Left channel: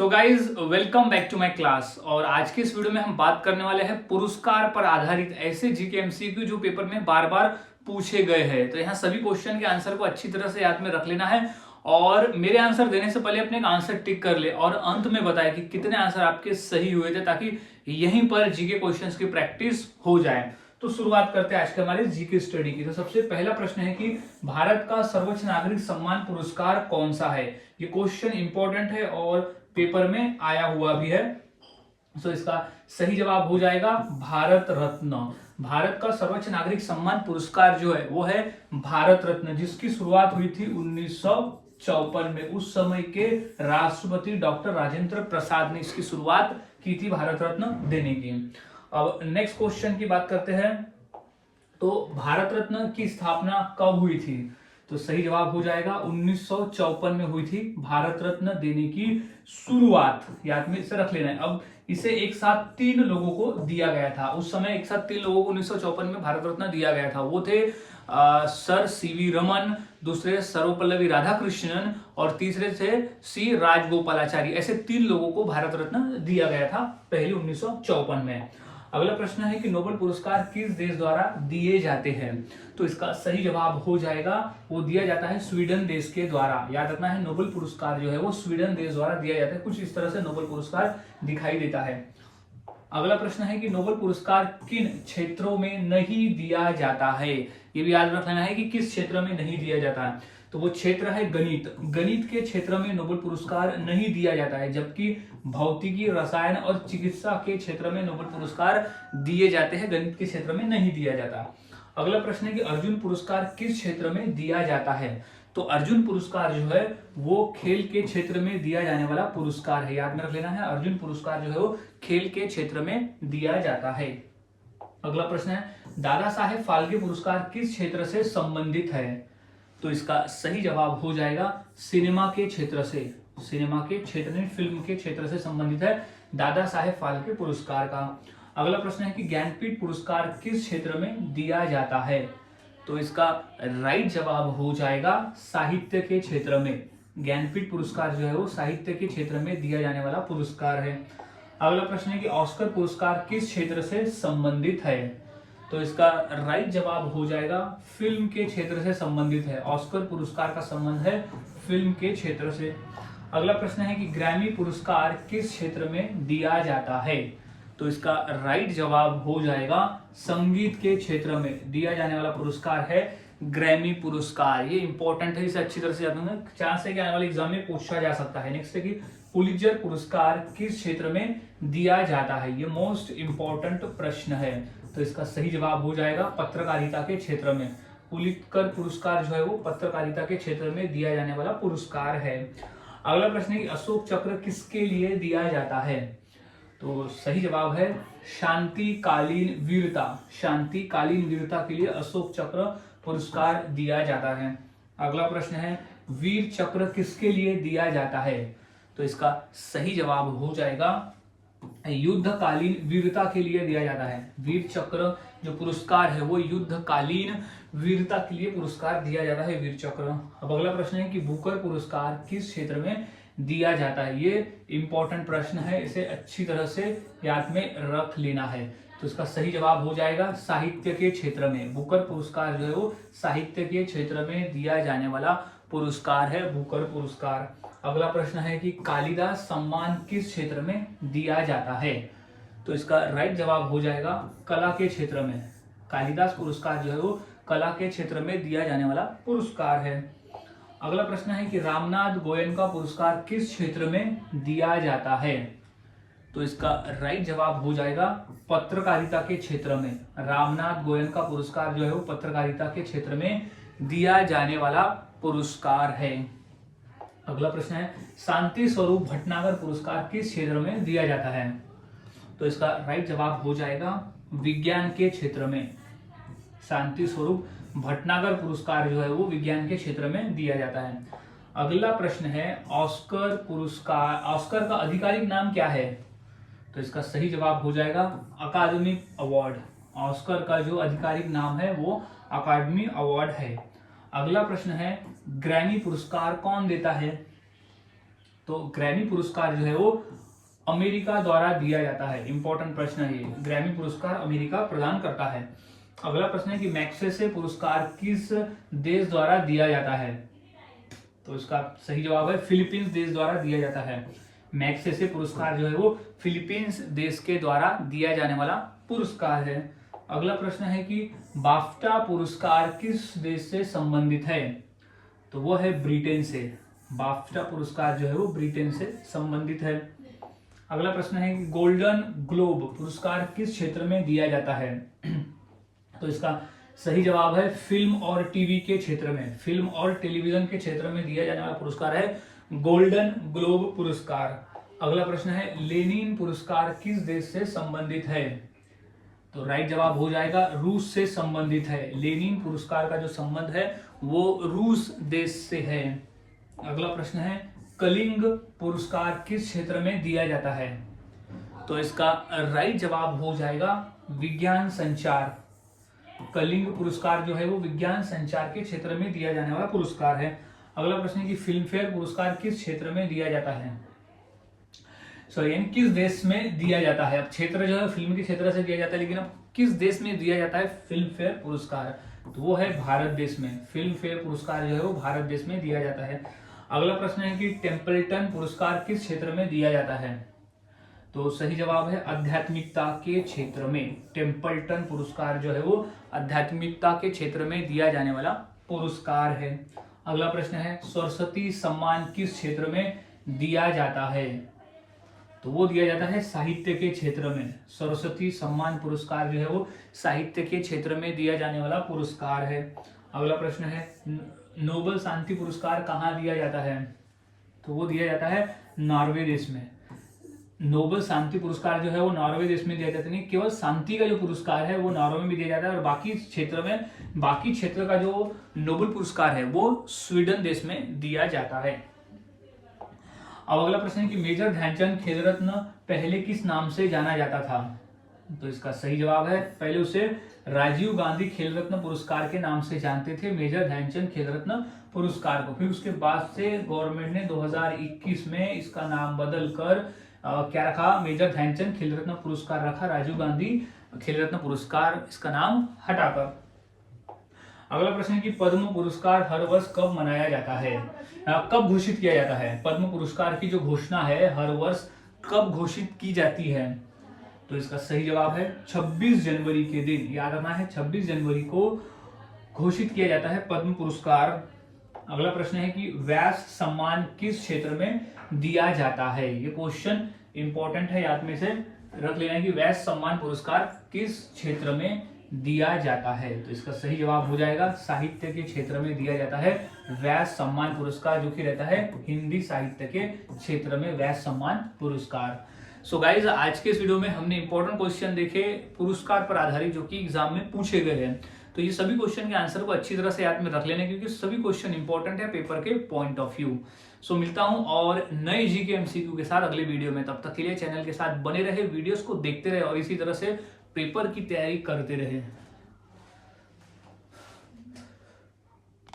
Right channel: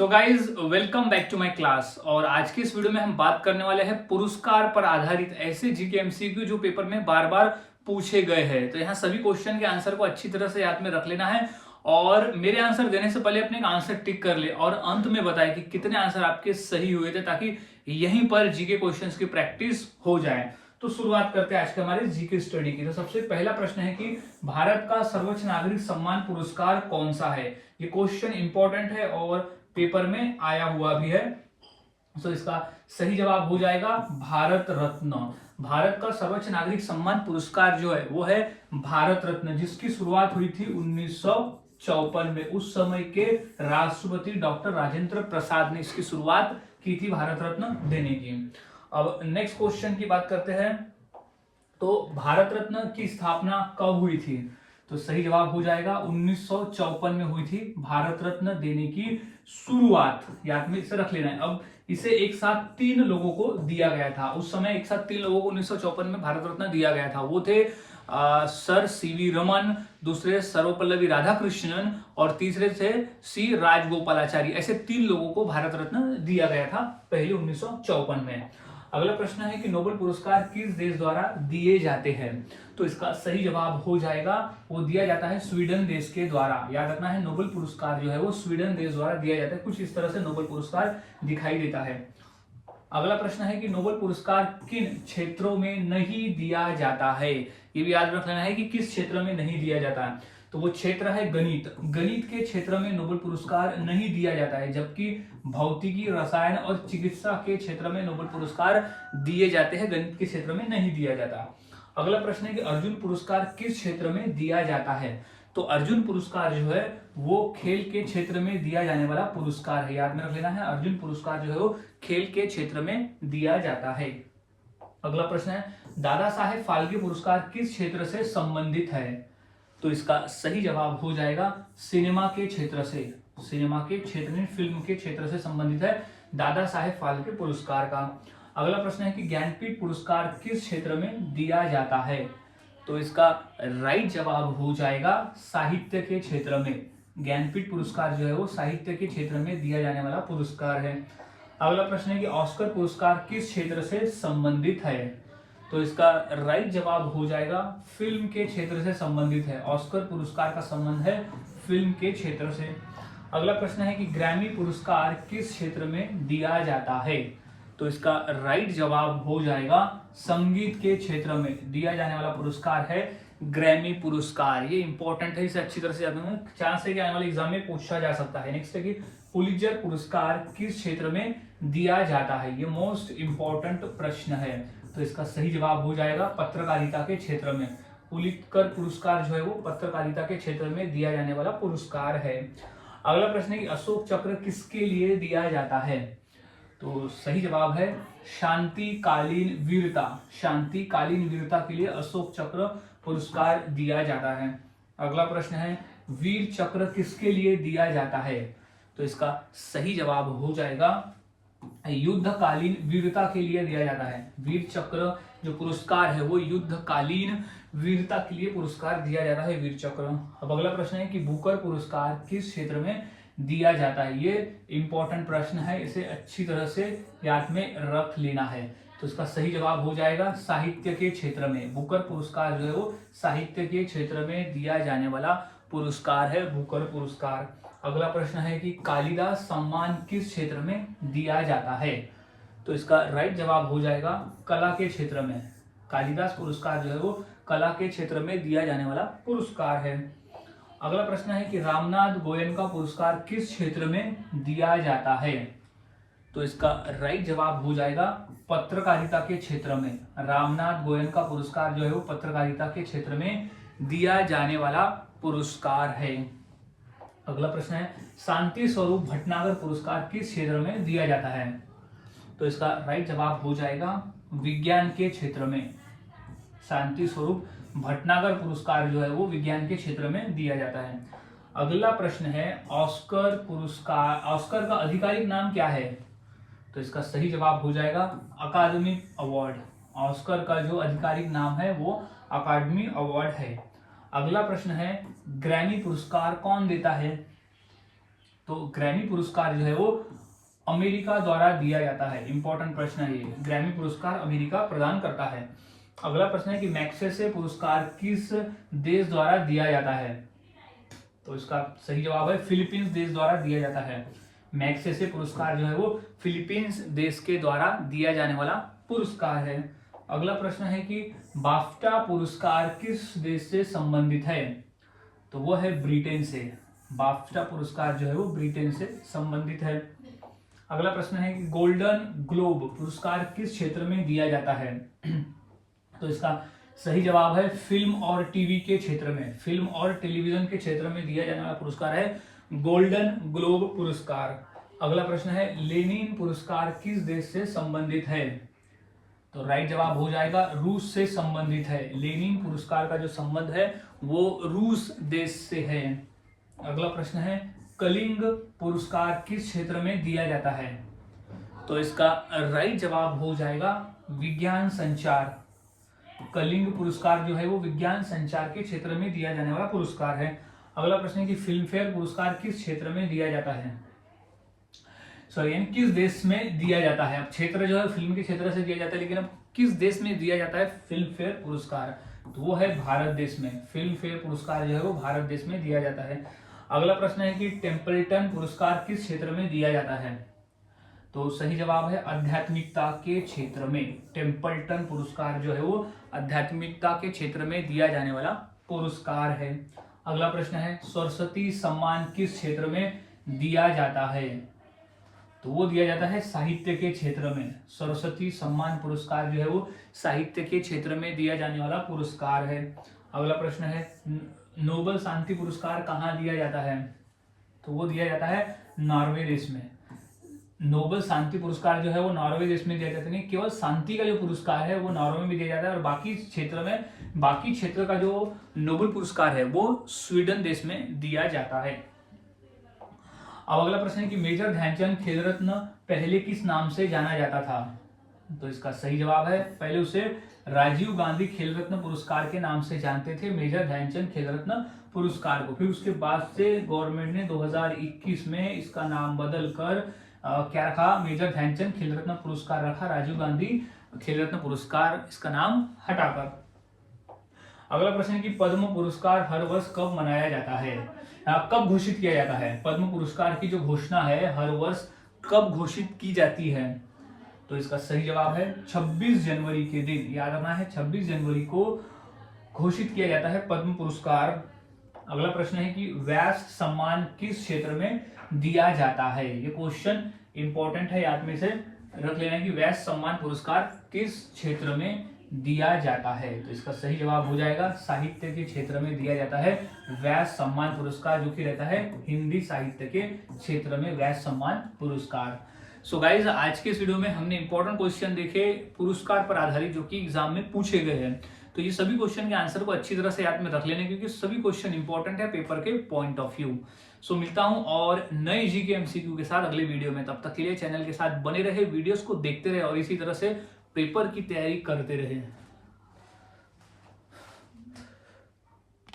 So guys welcome back to my class. और आज के इस वीडियो में हम बात करने वाले हैं पुरस्कार पर आधारित ऐसे जीके एमसीक्यू जो पेपर में बार बार पूछे गए हैं। तो यहाँ सभी क्वेश्चन के आंसर को अच्छी तरह से याद में रख लेना है और मेरे आंसर देने से पहले अपने एक आंसर टिक कर ले और अंत में बताए कि कितने आंसर आपके सही हुए थे, ताकि यहीं पर जीके क्वेश्चंस की प्रैक्टिस हो जाए। तो शुरुआत करते हैं आज के हमारे जीके स्टडी की। तो सबसे पहला प्रश्न है कि भारत का सर्वोच्च नागरिक सम्मान पुरस्कार कौन सा है। ये क्वेश्चन इंपॉर्टेंट है और पेपर में आया हुआ भी है। तो इसका सही जवाब हो जाएगा भारत रत्न। भारत का सर्वोच्च नागरिक सम्मान पुरस्कार जो है वो है भारत रत्न, जिसकी शुरुआत हुई थी 1954 में। उस समय के राष्ट्रपति डॉक्टर राजेंद्र प्रसाद ने इसकी शुरुआत की थी भारत रत्न देने की। अब नेक्स्ट क्वेश्चन की बात करते हैं। तो भारत रत्न की स्थापना कब हुई थी। तो सही जवाब हो जाएगा 1954 में हुई थी भारत रत्न देने की शुरुआत। याद में इसे रख लेना है। अब इसे एक साथ 3 लोगों को दिया गया था। उस समय एक साथ 3 लोगों को 1954 में भारत रत्न दिया गया था। वो थे सर सीवी रमन, दूसरे सर्वपल्लवी राधाकृष्णन और तीसरे थे सी राजगोपालाचारी। ऐसे 3 लोगों को भारत रत्न दिया गया था पहले 1954 में। अगला प्रश्न है कि नोबेल पुरस्कार किस देश द्वारा दिए जाते हैं। तो इसका सही जवाब हो जाएगा वो दिया जाता है स्वीडन देश के द्वारा। याद रखना है नोबेल पुरस्कार जो है वो स्वीडन देश द्वारा दिया जाता है। कुछ इस तरह से नोबेल पुरस्कार दिखाई देता है। अगला प्रश्न है कि नोबेल पुरस्कार किन क्षेत्रों में नहीं दिया जाता है। ये भी याद रख लेना है कि किस क्षेत्र में नहीं दिया जाता है। तो वो क्षेत्र है गणित। गणित के क्षेत्र में नोबेल पुरस्कार नहीं दिया जाता है, जबकि भौतिकी, रसायन और चिकित्सा के क्षेत्र में नोबेल पुरस्कार दिए जाते हैं। गणित के क्षेत्र में नहीं दिया जाता। अगला प्रश्न है कि अर्जुन पुरस्कार किस क्षेत्र में दिया जाता है। तो अर्जुन पुरस्कार जो है वो खेल के क्षेत्र में दिया जाने वाला पुरस्कार है। याद में रख लेना है, अर्जुन पुरस्कार जो है वो खेल के क्षेत्र में दिया जाता है। अगला प्रश्न है दादा साहेब फाल्के पुरस्कार किस क्षेत्र से संबंधित है। तो इसका सही जवाब हो जाएगा सिनेमा के क्षेत्र से। सिनेमा के क्षेत्र में, फिल्म के क्षेत्र से संबंधित है दादा साहेब फाल्के पुरस्कार का। अगला प्रश्न है कि ज्ञानपीठ पुरस्कार किस क्षेत्र में दिया जाता है। तो इसका राइट जवाब हो जाएगा साहित्य के क्षेत्र में। ज्ञानपीठ पुरस्कार जो है वो साहित्य के क्षेत्र में दिया जाने वाला पुरस्कार है। अगला प्रश्न है कि ऑस्कर पुरस्कार किस क्षेत्र से संबंधित है। तो इसका राइट जवाब हो जाएगा फिल्म के क्षेत्र से संबंधित है। ऑस्कर पुरस्कार का संबंध है फिल्म के क्षेत्र से। अगला प्रश्न है कि ग्रैमी पुरस्कार किस क्षेत्र में दिया जाता है। तो इसका राइट जवाब हो जाएगा संगीत के क्षेत्र में दिया जाने वाला पुरस्कार है ग्रैमी पुरस्कार। ये इंपॉर्टेंट है, इसे अच्छी तरह से याद रखना, चांस है कि आने वाले एग्जाम में पूछा जा सकता है। नेक्स्ट है कि पुलित्जर पुरस्कार किस क्षेत्र में दिया जाता है। ये मोस्ट इंपॉर्टेंट प्रश्न है। तो इसका सही जवाब हो जाएगा पत्रकारिता के क्षेत्र में। पुलित्जर पुरस्कार जो है वो पत्रकारिता के क्षेत्र में दिया जाने वाला पुरस्कार है। अगला प्रश्न है कि अशोक चक्र किसके लिए दिया जाता है। तो सही जवाब है शांतिकालीन वीरता। शांतिकालीन वीरता के लिए अशोक चक्र पुरस्कार दिया जाता है। अगला प्रश्न है वीर चक्र किसके लिए दिया जाता है। तो इसका सही जवाब हो जाएगा युद्धकालीन वीरता के लिए दिया जाता है। वीर चक्र जो पुरस्कार है वो युद्धकालीन वीरता के लिए पुरस्कार दिया जाता है, वीर चक्र। अब अगला प्रश्न है कि बुकर पुरस्कार किस क्षेत्र में दिया जाता है। ये इंपॉर्टेंट प्रश्न है, इसे अच्छी तरह से याद में रख लेना है। तो इसका सही जवाब हो जाएगा साहित्य के क्षेत्र में। बुकर पुरस्कार जो है वो साहित्य के क्षेत्र में दिया जाने वाला पुरस्कार है, बुकर पुरस्कार। अगला प्रश्न है कि कालिदास सम्मान किस क्षेत्र में दिया जाता है। तो इसका राइट जवाब हो जाएगा कला के क्षेत्र में। कालिदास पुरस्कार जो है वो कला के क्षेत्र में दिया जाने वाला पुरस्कार है। अगला प्रश्न है कि रामनाथ गोयनका पुरस्कार किस क्षेत्र में दिया जाता है। तो इसका राइट जवाब हो जाएगा पत्रकारिता के क्षेत्र में। रामनाथ गोयनका पुरस्कार जो है वो पत्रकारिता के क्षेत्र में दिया जाने वाला पुरस्कार है। अगला प्रश्न है शांति स्वरूप भटनागर पुरस्कार किस क्षेत्र में दिया जाता है। तो इसका राइट जवाब हो जाएगा विज्ञान के क्षेत्र में। शांति स्वरूप भटनागर पुरस्कार जो है वो विज्ञान के क्षेत्र में दिया जाता है। अगला प्रश्न है ऑस्कर पुरस्कार, ऑस्कर का आधिकारिक नाम क्या है। तो इसका सही जवाब हो जाएगा अकादमी अवार्ड। ऑस्कर का जो आधिकारिक नाम है वो अकादमी अवार्ड है। अगला प्रश्न है ग्रैमी पुरस्कार कौन देता है। तो ग्रैमी पुरस्कार जो है वो अमेरिका द्वारा दिया जाता है। इंपॉर्टेंट प्रश्न है ये, ग्रैमी पुरस्कार अमेरिका प्रदान करता है। अगला प्रश्न है कि मैग्सेसे पुरस्कार किस देश द्वारा दिया जाता है? तो इसका सही जवाब है फिलीपींस देश द्वारा दिया जाता है। मैग्सेसे पुरस्कार जो है वो फिलीपींस देश के द्वारा दिया जाने वाला पुरस्कार है। अगला प्रश्न है कि बाफ्टा पुरस्कार किस देश से संबंधित है? तो वो है ब्रिटेन से। बाफ्टा पुरस्कार जो है वो ब्रिटेन से संबंधित है। अगला प्रश्न है कि गोल्डन ग्लोब पुरस्कार किस क्षेत्र में दिया जाता है? तो इसका सही जवाब है फिल्म और टीवी के क्षेत्र में, फिल्म और टेलीविजन के क्षेत्र में दिया जाने वाला पुरस्कार है गोल्डन ग्लोब पुरस्कार। अगला प्रश्न है लेनिन पुरस्कार किस देश से संबंधित है? तो राइट जवाब हो जाएगा रूस से संबंधित है। लेनिन पुरस्कार का जो संबंध है वो रूस देश से है। अगला प्रश्न है कलिंग पुरस्कार किस क्षेत्र में दिया जाता है? तो इसका राइट जवाब हो जाएगा विज्ञान संचार। कलिंग पुरस्कार जो है वो विज्ञान संचार के क्षेत्र में दिया जाने वाला पुरस्कार है। अगला प्रश्न है कि फिल्म फेयर पुरस्कार किस क्षेत्र में दिया जाता है? सॉरी, यानी किस देश में दिया जाता है? अब क्षेत्र जो है फिल्म के क्षेत्र से दिया जाता है, लेकिन अब किस देश में दिया जाता है फिल्म फेयर पुरस्कार? तो वो है भारत देश में। फिल्म फेयर पुरस्कार जो है वो भारत देश में दिया जाता है। अगला प्रश्न है कि टेम्पल्टन पुरस्कार किस क्षेत्र में दिया जाता है? तो सही जवाब है आध्यात्मिकता के क्षेत्र में। टेम्पल्टन पुरस्कार जो है वो आध्यात्मिकता के क्षेत्र में दिया जाने वाला पुरस्कार है। अगला प्रश्न है सरस्वती सम्मान किस क्षेत्र में दिया जाता है? तो वो दिया जाता है साहित्य के क्षेत्र में। सरस्वती सम्मान पुरस्कार जो है वो साहित्य के क्षेत्र में दिया जाने वाला पुरस्कार है। अगला प्रश्न है नोबेल शांति पुरस्कार कहाँ दिया जाता है? तो वो दिया जाता है नॉर्वे देश में। नोबेल शांति पुरस्कार जो है वो नॉर्वे देश में दिया जाता है। नहीं, केवल शांति का जो पुरस्कार है वो नॉर्वे में दिया जाता है, और बाकी क्षेत्र का जो नोबेल पुरस्कार है वो स्वीडन देश में दिया जाता है। अब अगला प्रश्न है कि मेजर ध्यानचंद खेल रत्न पहले किस नाम से जाना जाता था? तो इसका सही जवाब है पहले उसे राजीव गांधी खेल रत्न पुरस्कार के नाम से जानते थे, मेजर ध्यानचंद खेल रत्न पुरस्कार को। फिर उसके बाद से गवर्नमेंट ने 2021 में इसका नाम बदल कर क्या रखा? मेजर ध्यानचंद खेल रत्न पुरस्कार रखा। राजीव गांधी खेल रत्न पुरस्कार इसका नाम हटाकर। अगला प्रश्न है कि पद्म पुरस्कार हर वर्ष कब मनाया जाता है? कब घोषित किया जाता है? पद्म पुरस्कार की जो घोषणा है हर वर्ष कब घोषित की जाती है? तो इसका सही जवाब है 26 जनवरी के दिन। याद रखना है 26 जनवरी को घोषित किया जाता है पद्म पुरस्कार। अगला प्रश्न है कि व्यास सम्मान किस क्षेत्र में दिया जाता है? ये क्वेश्चन इंपॉर्टेंट है, याद में से रख लेना है कि व्यास सम्मान पुरस्कार किस क्षेत्र में दिया जाता है। तो इसका सही जवाब हो जाएगा साहित्य के क्षेत्र में दिया जाता है व्यास सम्मान पुरस्कार, जो कि रहता है हिंदी साहित्य के क्षेत्र में व्यास सम्मान पुरस्कार। सो गाइज, आज के इस वीडियो में हमने इंपॉर्टेंट क्वेश्चन देखे पुरस्कार पर आधारित, जो कि एग्जाम में पूछे गए हैं। तो ये सभी क्वेश्चन के आंसर को अच्छी तरह से याद में रख लेने, क्योंकि सभी क्वेश्चन इंपॉर्टेंट है पेपर के पॉइंट ऑफ व्यू। सो मिलता हूं और नए जीके एमसीक्यू के साथ अगले वीडियो में। तब तक के लिए चैनल के साथ बने रहे, वीडियोस को देखते रहे और इसी तरह से पेपर की तैयारी करते रहे।